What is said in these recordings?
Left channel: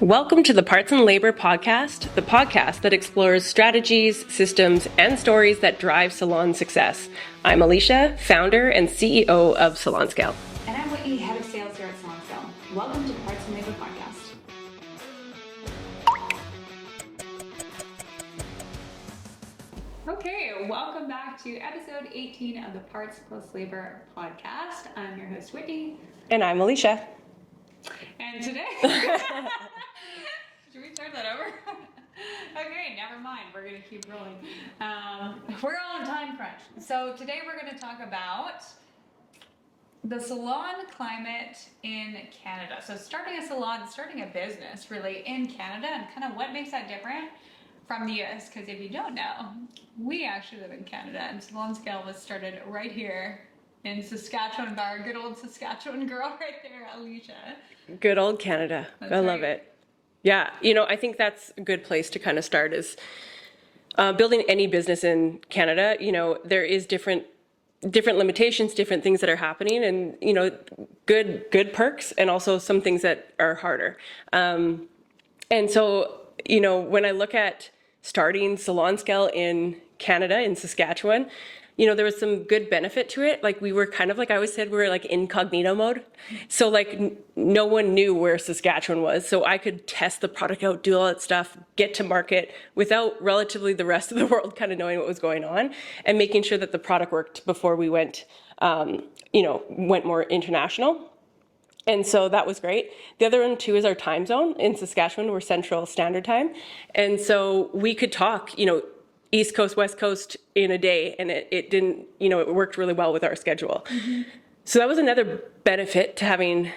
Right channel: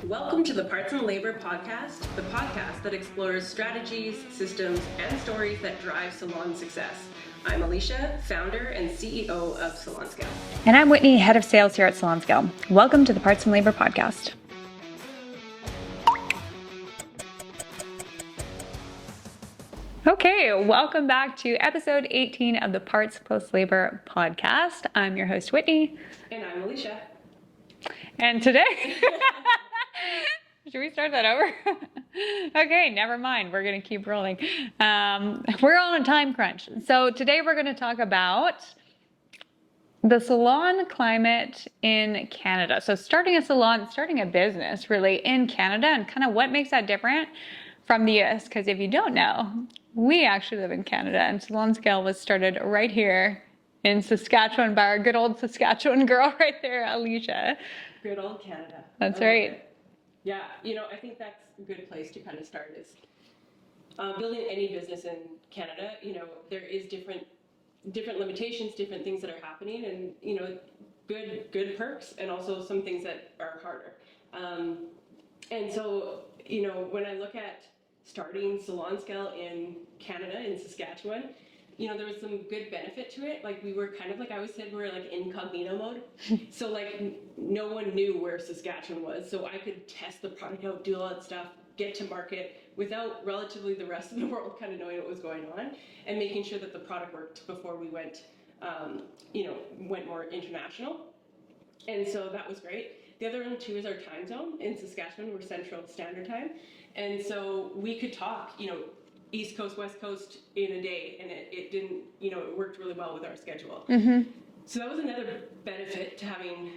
Welcome to the Parts and Labor Podcast, the podcast that explores strategies, systems, and stories that drive salon success. I'm Alicia, founder and CEO of Salon Scale. And I'm Whitney, head of sales here at Salon Scale. Welcome to the Parts and Labor Podcast. Okay, welcome back to episode 18 of the Parts Plus Labor Podcast. I'm your host, Whitney. And I'm Alicia. And today... Should we start that over? Okay, never mind. We're going to keep rolling. We're on a time crunch. So today we're going to talk about the salon climate in Canada. So starting a salon, starting a business really in Canada, and kind of what makes that different from the US. Because if you don't know, we actually live in Canada, and Salon Scale was started right here in Saskatchewan by our good old Saskatchewan girl right there, Alicia. Good old Canada. That's I right. love it. Yeah, I think that's a good place to kind of start is building any business in Canada. There is different limitations, different things that are happening, and good perks, and also some things that are harder. And so when I look at starting Salon Scale in Canada, in Saskatchewan, there was some good benefit to it. Like we were kind of, like I always said, we were like incognito mode. So like no one knew where Saskatchewan was. So I could test the product out, do all that stuff, get to market without relatively the rest of the world kind of knowing what was going on, and making sure that the product worked before we went more international. And so that was great. The other one too is our time zone. In Saskatchewan, we're Central Standard Time. And so we could talk, East Coast, West Coast in a day, and it didn't, it worked really well with our schedule. Mm-hmm. So that was another benefit to having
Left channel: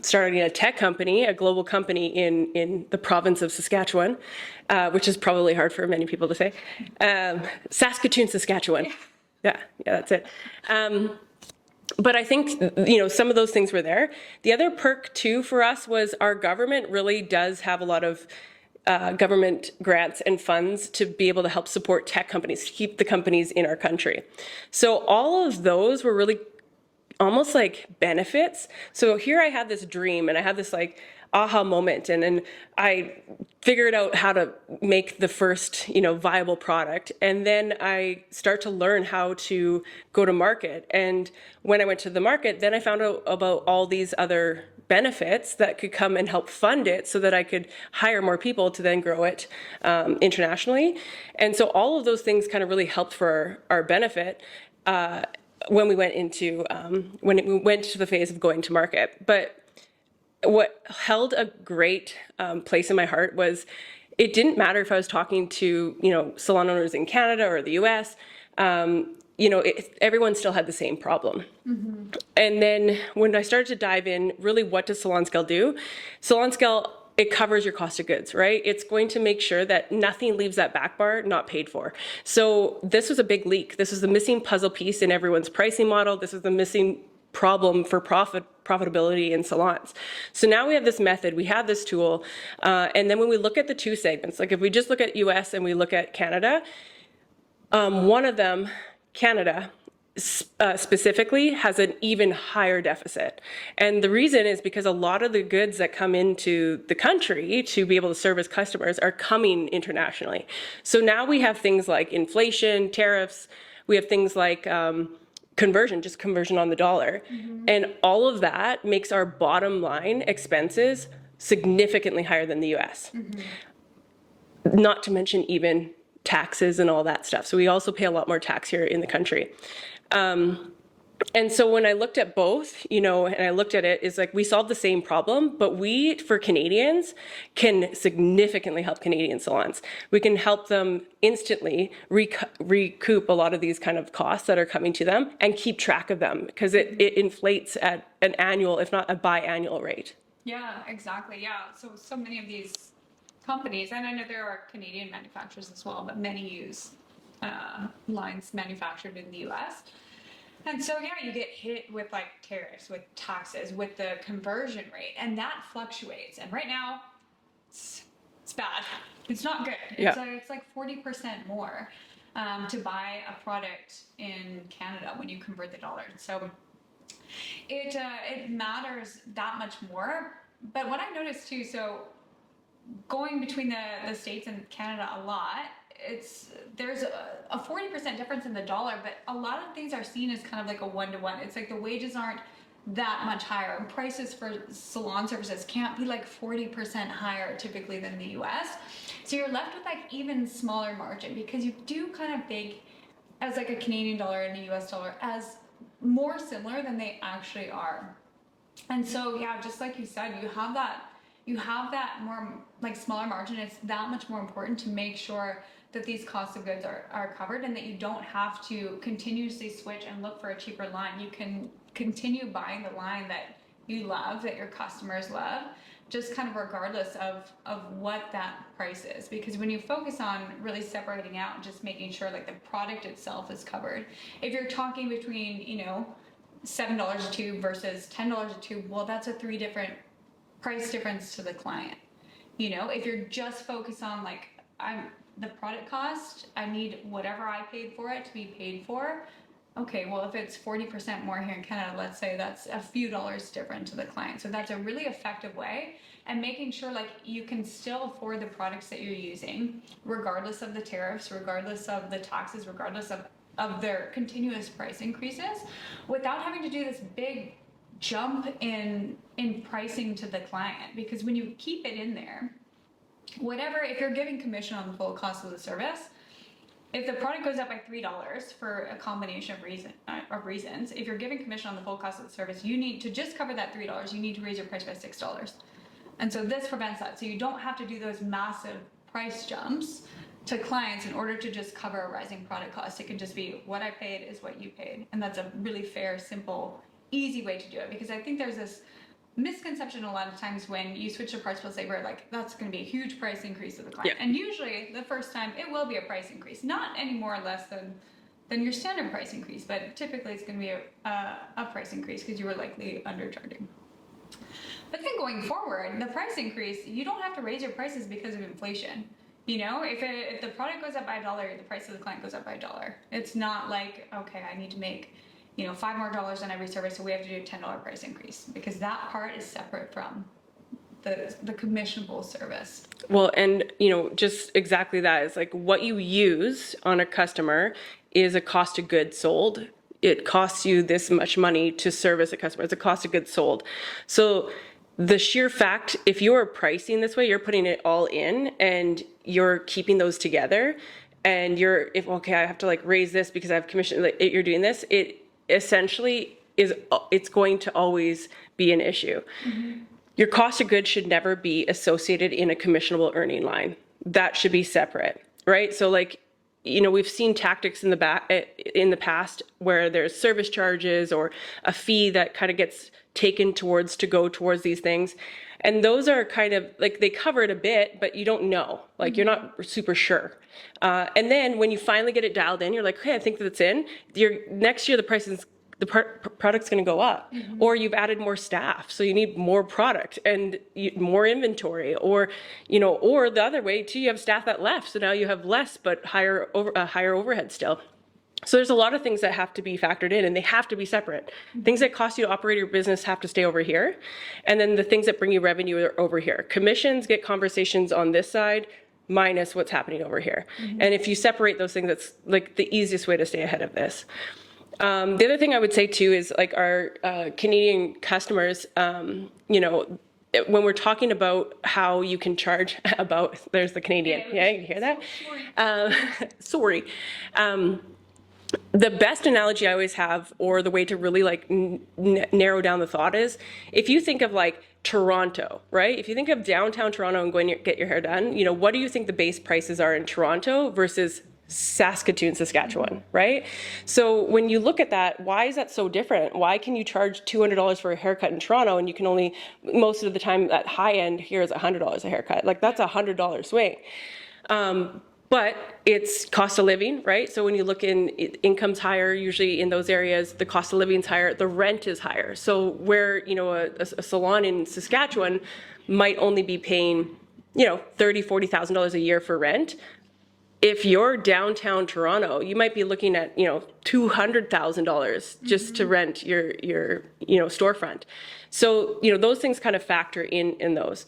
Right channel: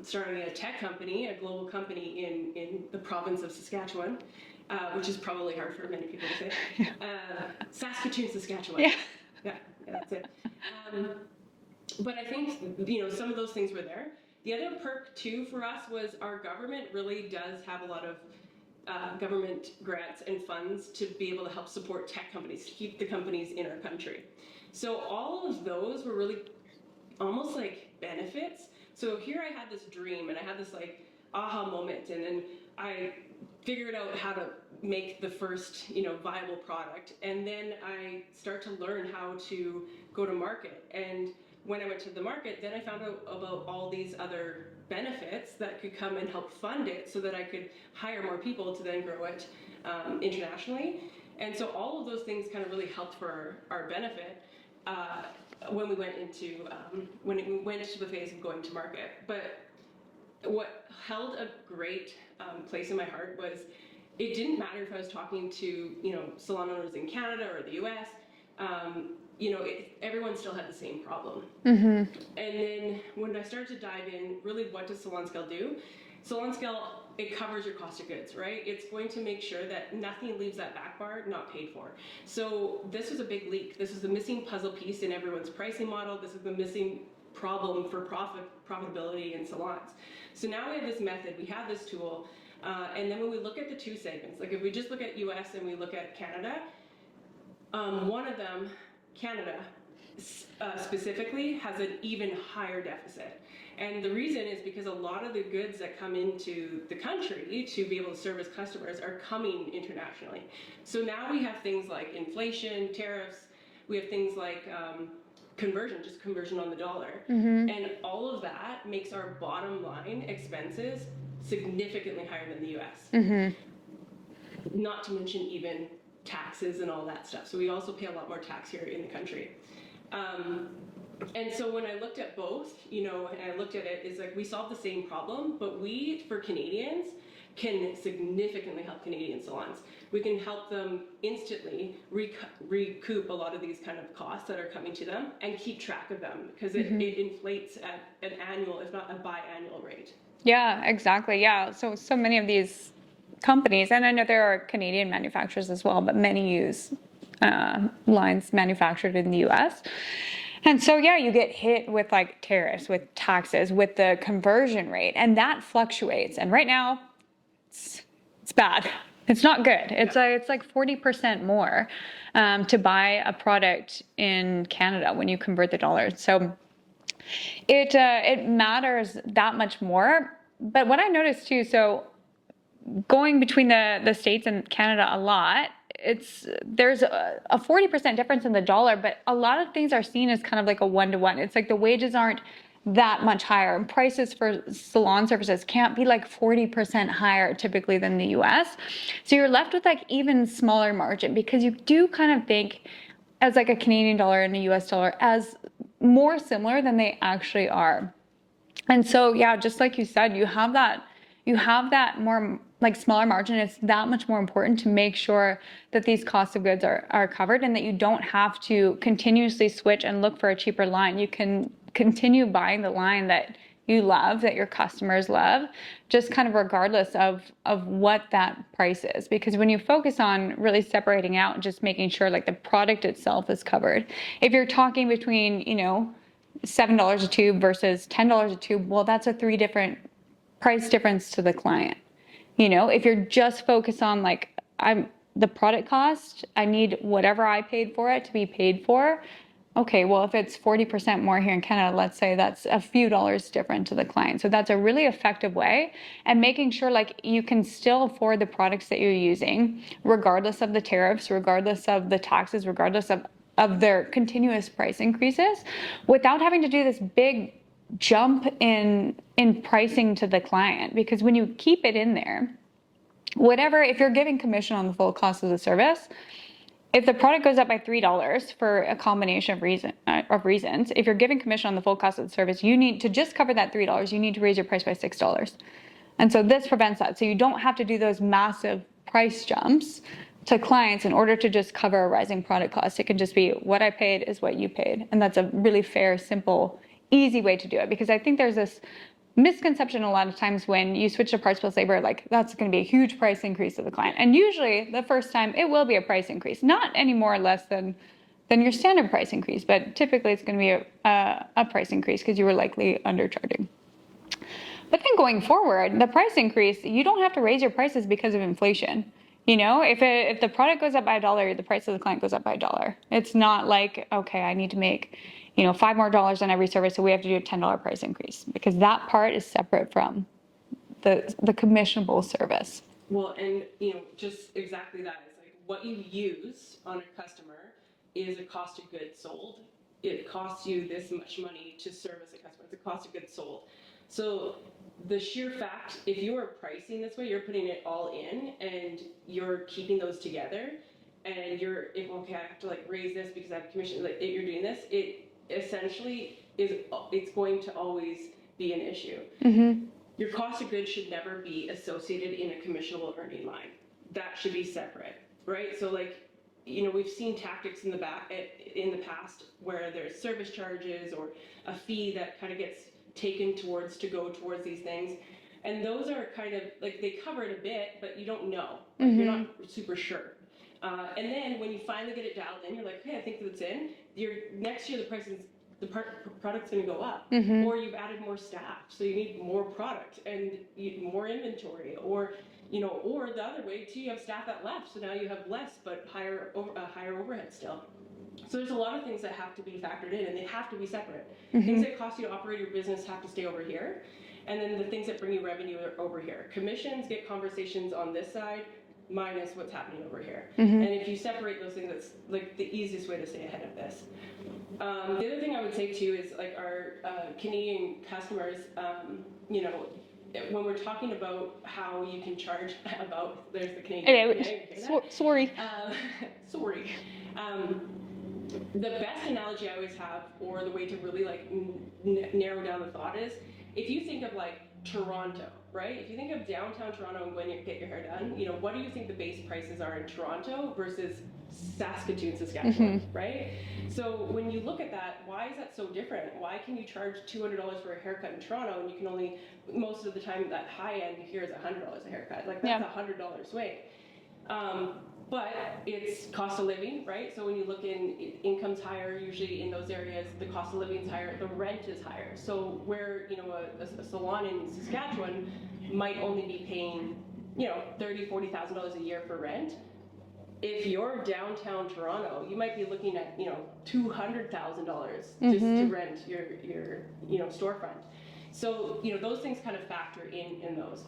starting a tech company, a global company in the province of Saskatchewan, which is probably hard for many people to say. Saskatoon, Saskatchewan. Yeah, that's it. But I think, some of those things were there. The other perk too for us was our government really does have a lot of government grants and funds to be able to help support tech companies, to keep the companies in our country. So all of those were really almost like benefits. So here I had this dream, and I had this like aha moment, and then I figured out how to make the first, viable product. And then I start to learn how to go to market. And when I went to the market, then I found out about all these other benefits that could come and help fund it so that I could hire more people to then grow it internationally. And so all of those things kind of really helped for our benefit when we went into the phase of going to market. But what held a great place in my heart was it didn't matter if I was talking to salon owners in Canada or the US. Everyone still had the same problem. Mm-hmm. And then when I started to dive in, really, what does Salon Scale do? Salon Scale, it covers your cost of goods, right? It's going to make sure that nothing leaves that back bar not paid for. So this was a big leak. This was the missing puzzle piece in everyone's pricing model. This is the missing problem for profitability in salons. So now we have this method, we have this tool, and then when we look at the two segments, like if we just look at US and we look at Canada, one of them, Canada specifically, has an even higher deficit. And the reason is because a lot of the goods that come into the country to be able to service customers are coming internationally. So now we have things like inflation, tariffs, we have things like conversion on the dollar. Mm-hmm. And all of that makes our bottom line expenses significantly higher than the US. Mm-hmm. Not to mention even taxes and all that stuff. So we also pay a lot more tax here in the country. And so when I looked at both, and I looked at it, it's like we solved the same problem, but we, for Canadians, can significantly help Canadian salons. We can help them instantly recoup a lot of these kind of costs that are coming to them and keep track of them, because it inflates at an annual, if not a biannual rate. Yeah, exactly. Yeah. So many of these companies, and I know there are Canadian manufacturers as well, but many use lines manufactured in the US. And so, you get hit with like tariffs, with taxes, with the conversion rate, and that fluctuates. And right now, it's bad. It's not good. It's like 40% more to buy a product in Canada when you convert the dollar. So it matters that much more. But what I noticed too, so going between the States and Canada a lot, there's a 40% difference in the dollar, but a lot of things are seen as kind of like a one-to-one. It's like the wages aren't that much higher. Prices for salon services can't be like 40% higher typically than the US. So you're left with like even smaller margin, because you do kind of think as like a Canadian dollar and a US dollar as more similar than they actually are. And so, yeah, just like you said, you have that more like smaller margin. It's that much more important to make sure that these costs of goods are covered, and that you don't have to continuously switch and look for a cheaper line. You can continue buying the line that you love, that your customers love, just kind of regardless of what that price is. Because when you focus on really separating out and just making sure like the product itself is covered, if you're talking between, $7 a tube versus $10 a tube, well, that's a 3 different price difference to the client. If you're just focused on like, the product cost, I need whatever I paid for it to be paid for. Okay, well, if it's 40% more here in Canada, let's say that's a few dollars different to the client. So that's a really effective way, and making sure like you can still afford the products that you're using, regardless of the tariffs, regardless of the taxes, regardless of their continuous price increases, without having to do this big jump in pricing to the client. Because when you keep it in there, if you're giving commission on the full cost of the service, if the product goes up by $3 for a combination of reasons, if you're giving commission on the full cost of the service, you need to just cover that $3. You need to raise your price by $6. And so this prevents that. So you don't have to do those massive price jumps to clients in order to just cover a rising product cost. It can just be what I paid is what you paid. And that's a really fair, simple, easy way to do it. Because I think there's this misconception a lot of times when you switch to parts plus labor, like that's going to be a huge price increase to the client. And usually the first time it will be a price increase, not any more or less than your standard price increase, but typically it's going to be a price increase because you were likely undercharging. But then going forward, the price increase, you don't have to raise your prices because of inflation. If the product goes up by $1, the price of the client goes up by $1. It's not like, okay, I need to make $5 more on every service, so we have to do a $10 price increase, because that part is separate from the commissionable service. Well, and just exactly that is like what you use on a customer is a cost of goods sold. It costs you this much money to service a customer. It's a cost of goods sold. So the sheer fact, if you're pricing this way, you're putting it all in and you're keeping those together, and I have to like raise this because I have commission, like you're doing this, it essentially it's going to always be an issue. Mm-hmm. Your cost of goods should never be associated in a commissionable earning line. That should be separate, right? So like, we've seen tactics in the past where there's service charges or a fee that kind of gets taken towards these things. And those are kind of like, they cover it a bit, but you don't know, like you're not super sure. And then when you finally get it dialed in, you're like, okay, I think that's in. Next year, the product's going to go up, or you've added more staff, so you need more product and more inventory, or the other way too, you have staff that left, so now you have less but higher overhead still. So there's a lot of things that have to be factored in, and they have to be separate. Things that cost you to operate your business have to stay over here, and then the things that bring you revenue are over here. Commissions get conversations on this side, minus what's happening over here. And if you separate those things, that's like the easiest way to stay ahead of this. The other thing I would say too is like our Canadian customers, when we're talking about how you can charge there's the Canadian, yeah, you hear that? Sorry. Sorry. The best analogy I always have, or the way to really like narrow down the thought, is if you think of like Toronto, right? If you think of downtown Toronto and going to get your hair done, what do you think the base prices are in Toronto versus Saskatoon, Saskatchewan, right? So when you look at that, why is that so different? Why can you charge $200 for a haircut in Toronto and you can only, most of the time at high end here is $100 a haircut? Like that's a $100 swing. But it's cost of living, right? So when you look income's higher, usually in those areas, the cost of living's higher, the rent is higher. So where, a salon in Saskatchewan might only be paying, $30,000, $40,000 a year for rent. If you're downtown Toronto, you might be looking at, $200,000 just to rent your storefront. So, those things kind of factor in those.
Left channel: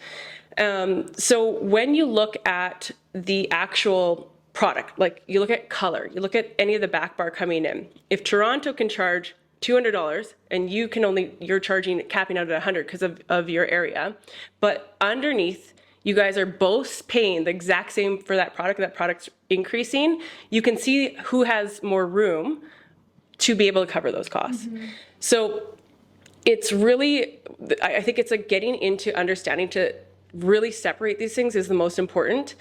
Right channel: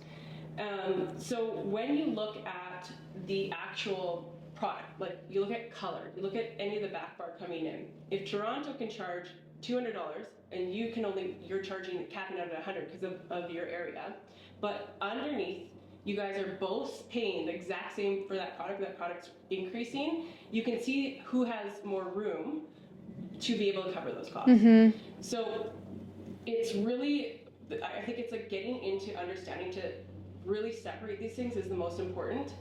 So when you look at the actual product, like you look at color, you look at any of the back bar coming in, if Toronto can charge $200 and you're charging, capping out at 100 because of your area, but underneath you guys are both paying the exact same for that product's increasing, you can see who has more room to be able to cover those costs. So it's really, I think it's like getting into understanding to really separate these things is the most important,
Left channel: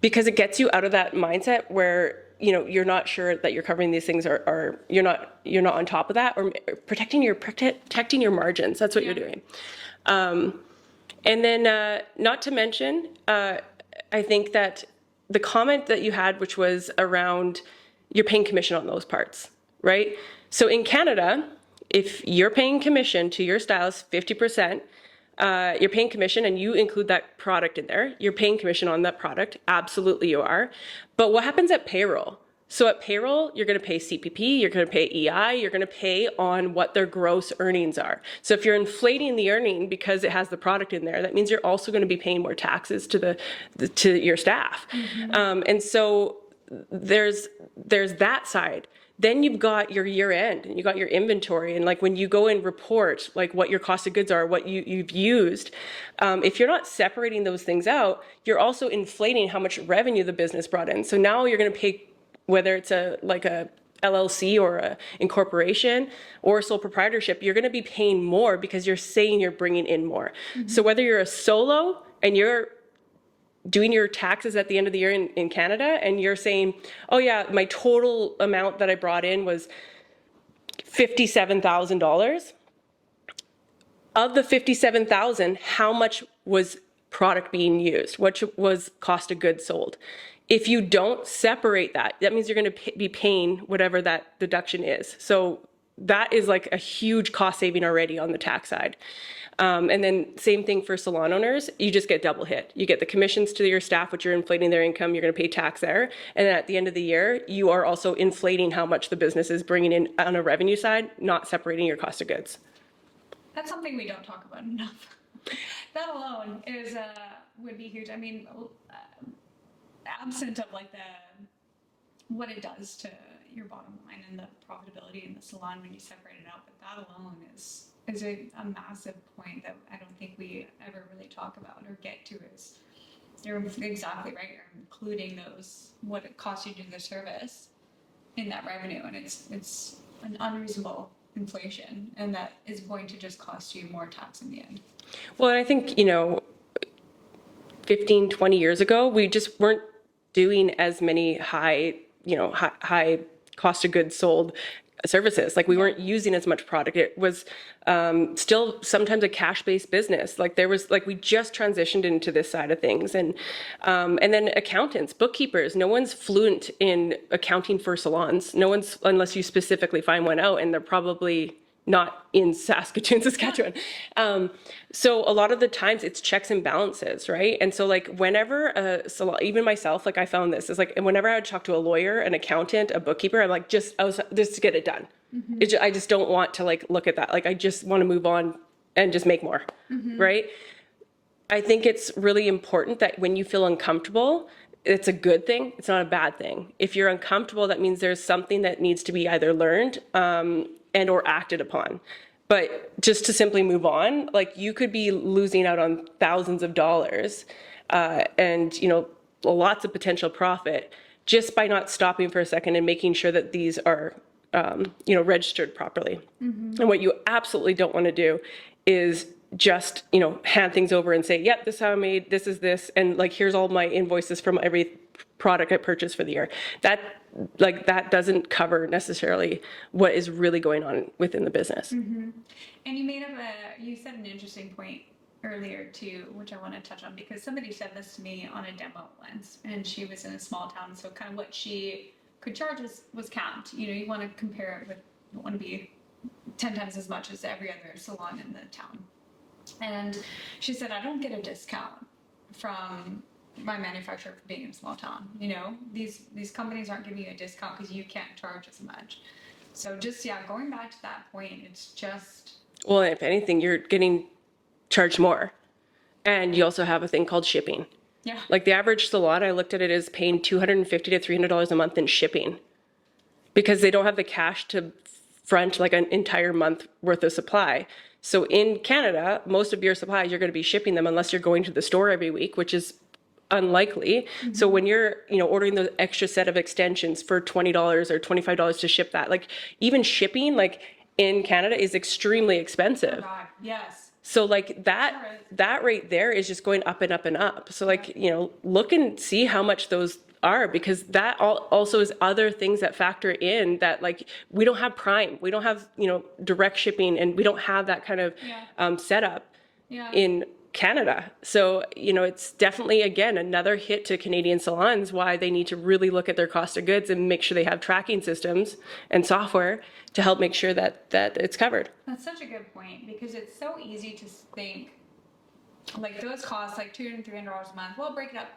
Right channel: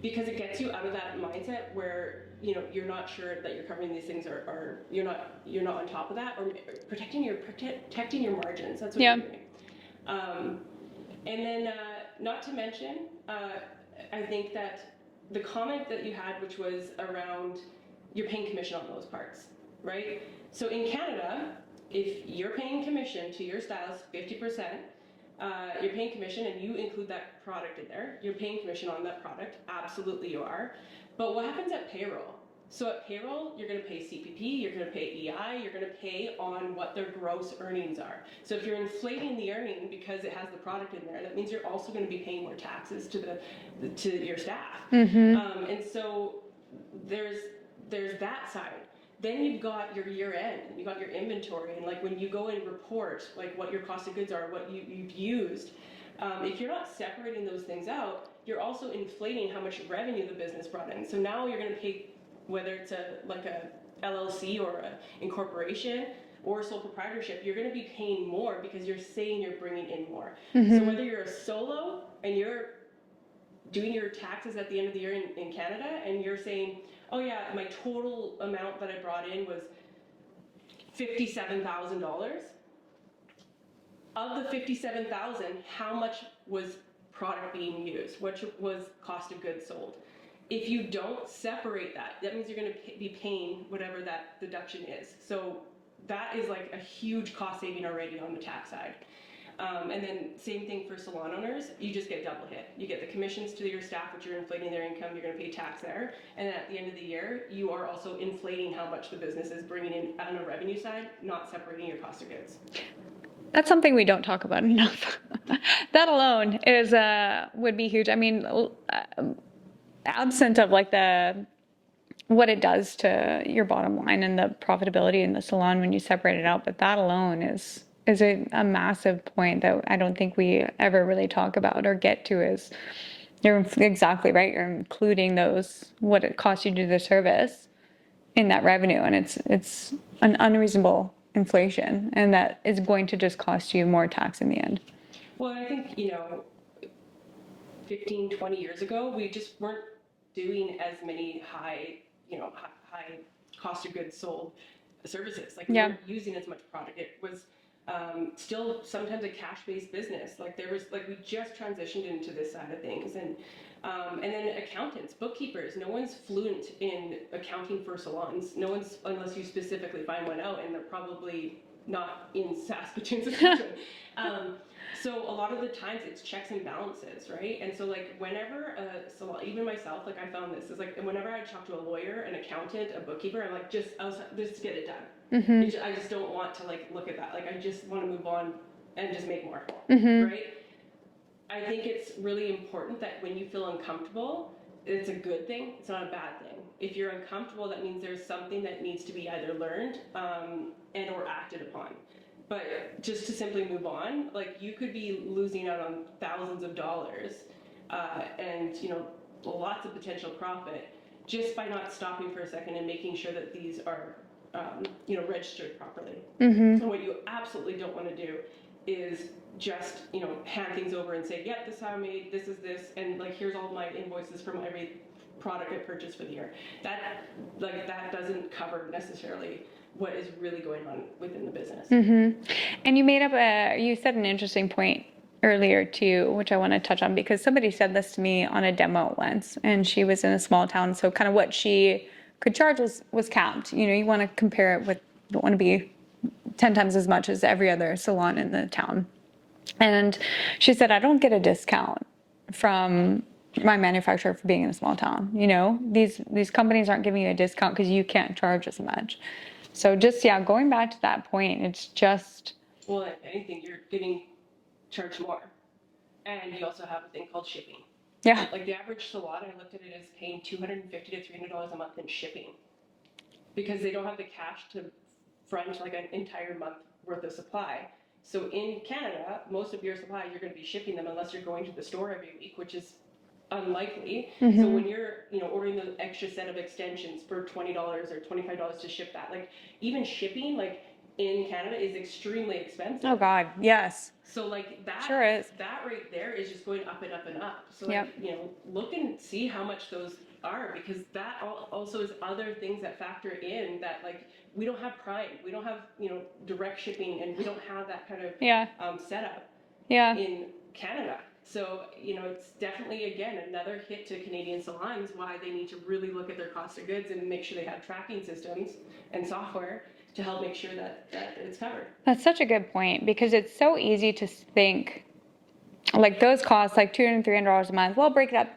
because it gets you out of that mindset where you're not sure that you're covering these things, or you're not on top of that, or protecting your margins. That's what you're doing. And then not to mention, I think that the comment that you had, which was around you're paying commission on those parts, right? So in Canada, if you're paying commission to your stylist 50%, you're paying commission and you include that product in there, you're paying commission on that product. Absolutely you are. But what happens at payroll? So at payroll, you're going to pay CPP, you're going to pay EI, you're going to pay on what their gross earnings are. So if you're inflating the earning because it has the product in there, that means you're also going to be paying more taxes to your staff. And so there's that side. Then you've got your year end, and you got your inventory, and like when you go and report like what your cost of goods are, what you've used, if you're not separating those things out, you're also inflating how much revenue the business brought in. So now you're going to pay, whether it's a LLC or a incorporation or a sole proprietorship, you're going to be paying more because you're saying you're bringing in more. So whether you're a solo and you're doing your taxes at the end of the year in Canada, and you're saying, oh yeah, my total amount that I brought in was $57,000. Of the $57,000, how much was product being used? What was cost of goods sold? If you don't separate that, that means you're going to be paying whatever that deduction is. So that is like a huge cost saving already on the tax side. And then same thing for salon owners, you just get double hit. You get the commissions to your staff, which you're inflating their income, you're going to pay tax there. And then at the end of the year, you are also inflating how much the business is bringing in on a revenue side, not separating your cost of goods. That's something we don't talk about enough. That alone is would be huge. I mean, absent of like what it does to your bottom line and the profitability in the salon when you separate it out, but that alone is a massive point that I don't think we ever really talk about or get to. Is you're exactly right, you're including those, what it costs you to do the service in that revenue, and it's an unreasonable inflation, and that is going to just cost you more tax in the end. Well, I think 15, 20 years ago, we just weren't doing as many high cost of goods sold services. Like we weren't using as much product. It was still sometimes a cash-based business. Like we just transitioned into this side of things, and then accountants, bookkeepers. No one's fluent in accounting for salons. No one's, unless you specifically find one out, and they're probably not in Saskatoon, Saskatchewan. So a lot of the times it's checks and balances, right? And so like whenever a salon, even myself, like I found this, is like whenever I would talk to a lawyer, an accountant, a bookkeeper, I'm like, just get it done. I just don't want to like look at that. Like I just want to move on and just make more, right? I think it's really important that when you feel uncomfortable, it's a good thing. It's not a bad thing. If you're uncomfortable, that means there's something that needs to be either learned and or acted upon. But just to simply move on, like you could be losing out on thousands of dollars and lots of potential profit just by not stopping for a second and making sure that these are registered properly. And what you absolutely don't want to do is just hand things over and say, yep, this is how I made, this is this, and like here's all my invoices from every product I purchased for the year. That doesn't cover necessarily what is really going on within the business. And you said an interesting point earlier too, which I want to touch on, because somebody said this to me on a demo once, and she was in a small town, so kind of what she could charge was capped. You want to compare it with, don't want to be 10 times as much as every other salon in the town. And she said, I don't get a discount from my manufacturer for being in a small town. These companies aren't giving you a discount because you can't charge as much. So just, going back to that point, it's just... Well, if anything, you're getting charged more. And you also have a thing called shipping. Yeah. Like the average salon, I looked at it as paying $250 to $300 a month in shipping because they don't have the cash to front like an entire month worth of supply. So in Canada, most of your supplies, you're going to be shipping them unless you're going to the store every week, which is unlikely. So when you're, ordering the extra set of extensions for $20 or $25 to ship that, like even shipping, like in Canada is extremely expensive. Oh God, yes. So like that, Sure is. that rate there is just going up and up and up. So like, Yep. look and see how much those are, because that also is other things that factor in that, like, we don't have Prime, we don't have, direct shipping, and we don't have that kind of Yeah. setup Yeah. in Canada. So, it's definitely, again, another hit to Canadian salons, why they need to really look at their cost of goods and make sure they have tracking systems and software to help make sure that it's covered. That's such a good point, because it's so easy to think like those costs, like $200, $300 a month. We'll break it up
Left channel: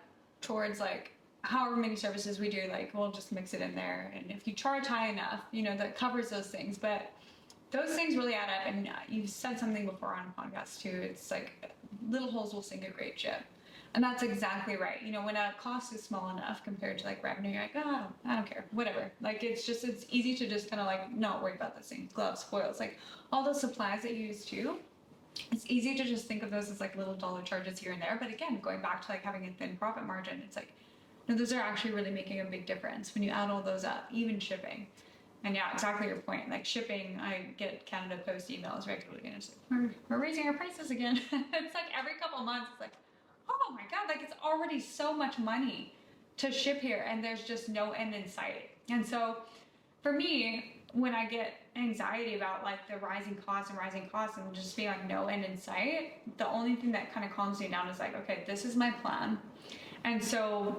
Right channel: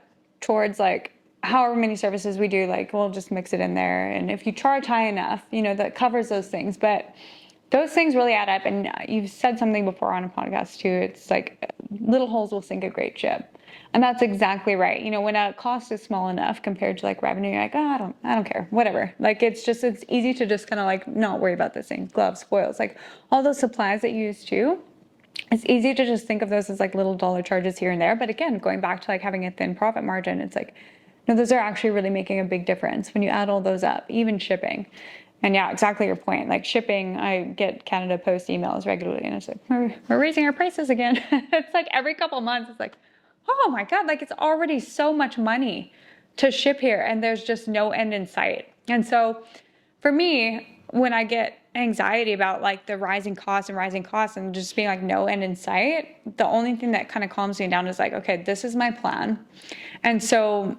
towards like however many services we do. Like we'll just mix it in there, and if you charge high enough, that covers those things. But those things really add up. And you've said something before on a podcast too. It's like little holes will sink a great ship. And that's exactly right. When a cost is small enough compared to like revenue, you're like, oh, I don't care, whatever. Like it's easy to just kind of like not worry about this thing. Gloves, foils, like all those supplies that you use too. It's easy to just think of those as like little dollar charges here and there. But again, going back to like having a thin profit margin, it's like, no, those are actually really making a big difference when you add all those up, even shipping. And yeah, exactly your point. Like shipping, I get Canada Post emails regularly, and it's like, we're raising our prices again. It's like every couple months, it's like, oh my God, like it's already so much money to ship here, and there's just no end in sight. And so for me, when I get anxiety about like the rising costs and just being like no end in sight, the only thing that kind of calms me down is like, okay, this is my plan. And so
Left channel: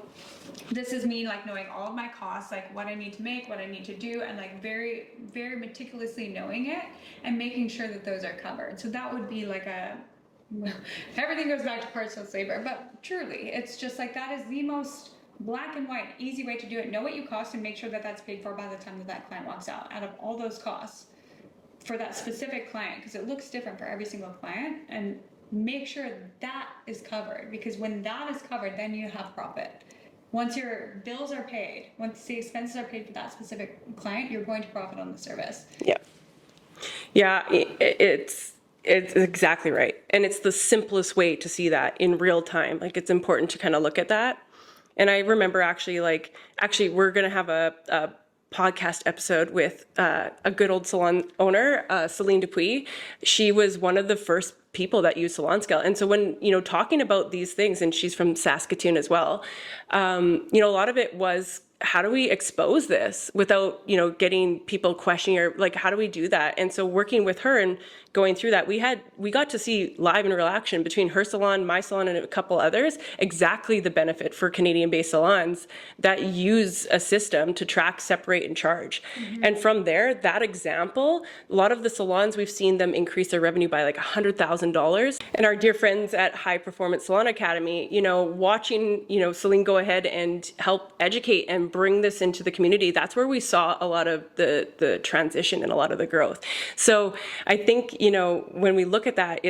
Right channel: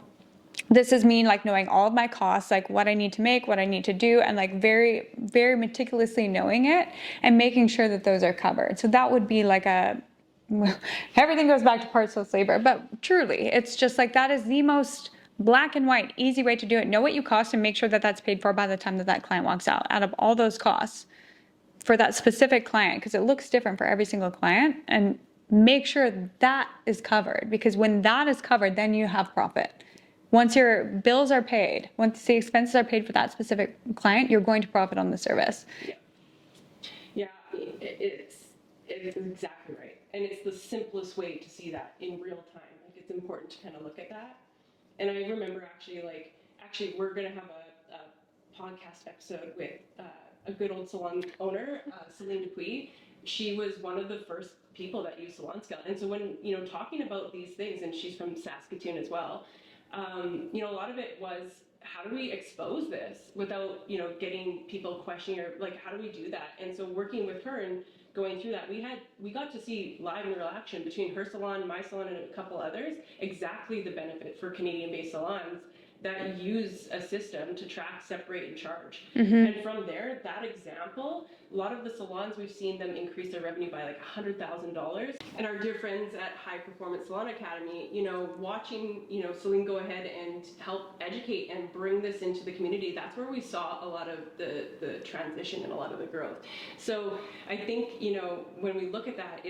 this is me like knowing all of my costs, like what I need to make, what I need to do, and like very, very meticulously knowing it and making sure that those are covered. So that would be like everything goes back to parts-less labor, but truly, it's just like that is the most black and white, easy way to do it. Know what you cost and make sure that that's paid for by the time that client walks out of all those costs for that specific client, because it looks different for every single client, and make sure that is covered, because when that is covered, then you have profit. Once your bills are paid, once the expenses are paid for that specific client, you're going to profit on the service. Yeah. Yeah, it's exactly right. And it's the simplest way to see that in real time. Like it's important to kind of look at that. And I remember actually we're going to have a podcast episode with a good old salon owner, Celine Dupuis. She was one of the first people that used Salon Scale. And so when, talking about these things, and she's from Saskatoon as well, a lot of it was, how do we expose this without, getting people questioning, or like, how do we do that? And so working with her and going through that, we got to see live and real action between her salon, my salon, and a couple others, exactly the benefit for Canadian-based salons that use a system to track, separate, and charge. And from there, that example, a lot of the salons, we've seen them increase their revenue by like $100,000. And our dear friends at High Performance Salon Academy, watching, Celine go ahead and help educate and bring this into the community, that's where we saw a lot of the transition and a lot of the growth. So I think, when we look at that,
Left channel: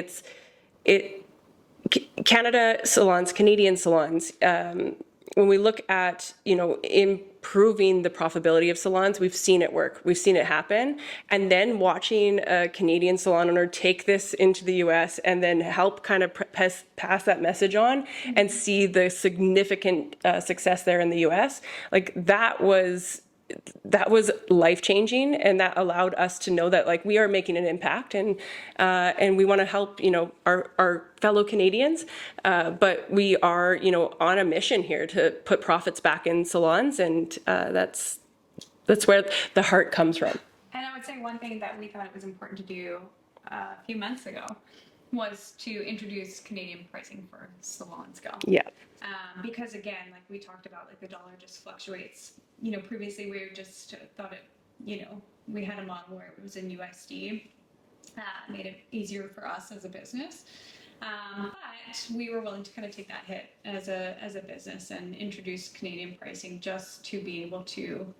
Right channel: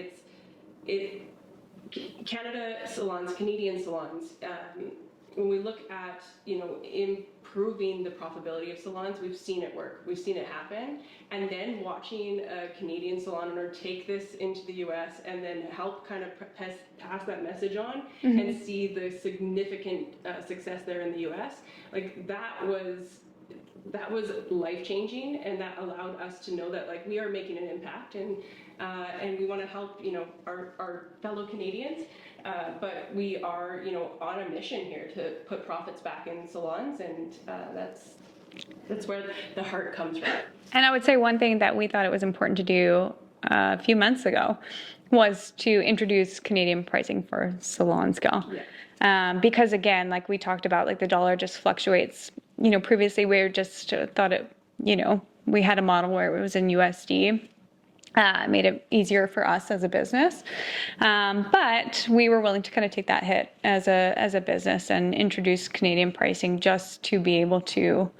Canada salons, Canadian salons, when we look at, improving the profitability of salons, we've seen it work. We've seen it happen. And then watching a Canadian salon owner take this into the US and then help kind of pass that message on and see the significant success there in the US, like that was life-changing, and that allowed us to know that like we are making an impact, and we want to help our fellow Canadians, but we are on a mission here to put profits back in salons, and that's where the heart comes from. And I would say one thing that we thought it was important to do a few months ago was to introduce Canadian pricing for Salon Scale. Yeah. Because again, like we talked about, like the dollar just fluctuates. Previously we were just thought it, we had a model where it was in USD. It made it easier for us as a business. But we were willing to kind of take that hit as a business and introduce Canadian pricing just to be able to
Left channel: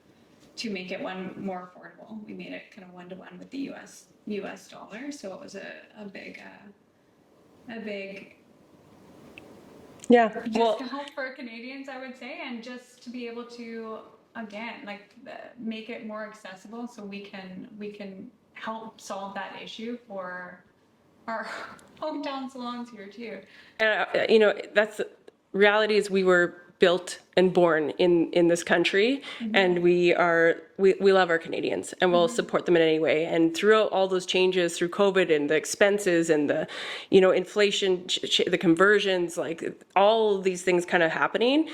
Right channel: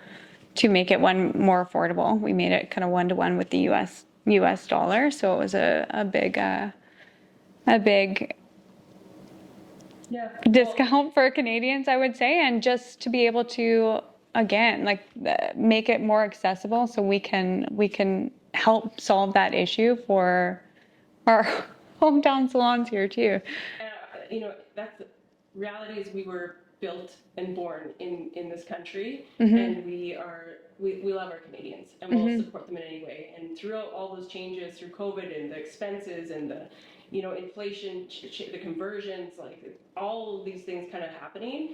make it more affordable. We made it kind of 1-to-1 with the US dollar. So it was a big Yeah. Well, discount for Canadians, I would say, and just to be able to, again, like make it more accessible so we can help solve that issue for our hometown salons here too. that's reality is we were built and born in this country, and we love our Canadians, and we'll support them in any way. And throughout all those changes through COVID and the expenses and the inflation, the conversions, like all of these things kind of happening,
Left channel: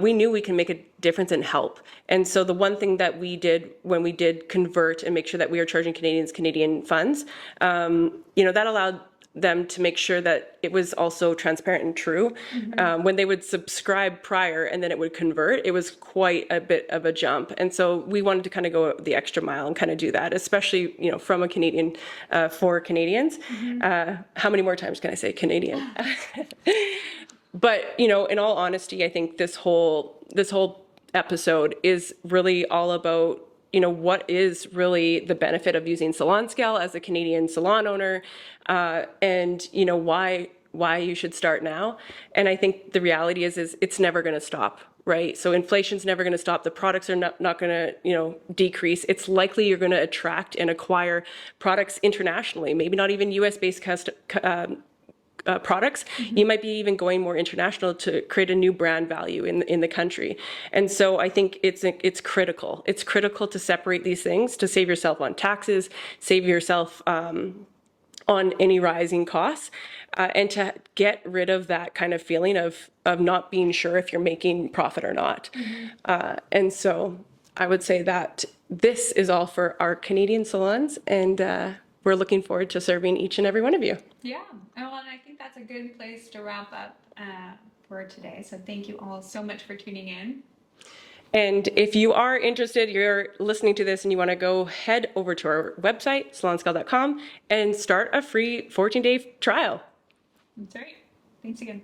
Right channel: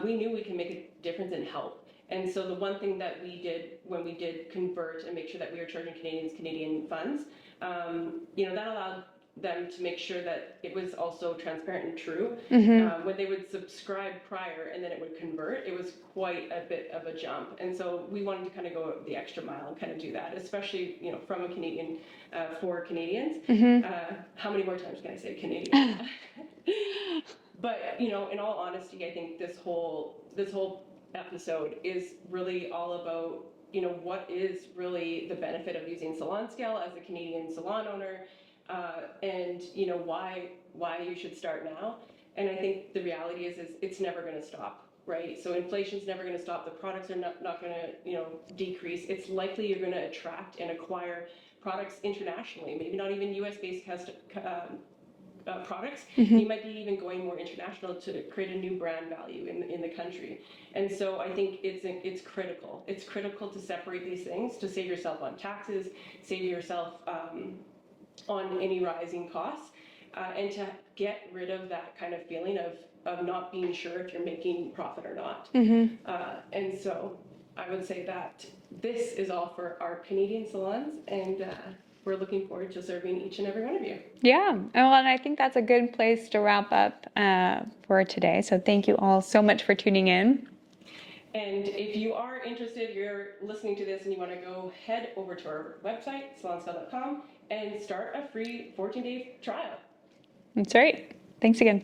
we knew we can make a difference and help. And so the one thing that we did when we did convert and make sure that we are charging Canadians Canadian funds, that allowed them to make sure that it was also transparent and true. When they would subscribe prior and then it would convert, it was quite a bit of a jump. And so we wanted to kind of go the extra mile and kind of do that, especially, from a Canadian, for Canadians. How many more times can I say Canadian? But, in all honesty, I think this whole episode is really all about what is really the benefit of using Salon Scale as a Canadian salon owner, and why you should start now. And I think the reality is it's never going to stop, right? So inflation's never going to stop. The products are not going to decrease. It's likely you're going to attract and acquire products internationally, maybe not even US based products. You might be even going more international to create a new brand value in the country. And so I think it's critical. It's critical to separate these things, to save yourself on taxes, save yourself on any rising costs, and to get rid of that kind of feeling of not being sure if you're making profit or not. And so I would say that this is all for our Canadian salons, and we're looking forward to serving each and every one of you. Yeah, well, and I think that's a good place to wrap up for today. So thank you all so much for tuning in. And if you are interested, you're listening to this and you want to go head over to our website, salonscale.com, and start a free 14-day trial. That's right. Thanks again.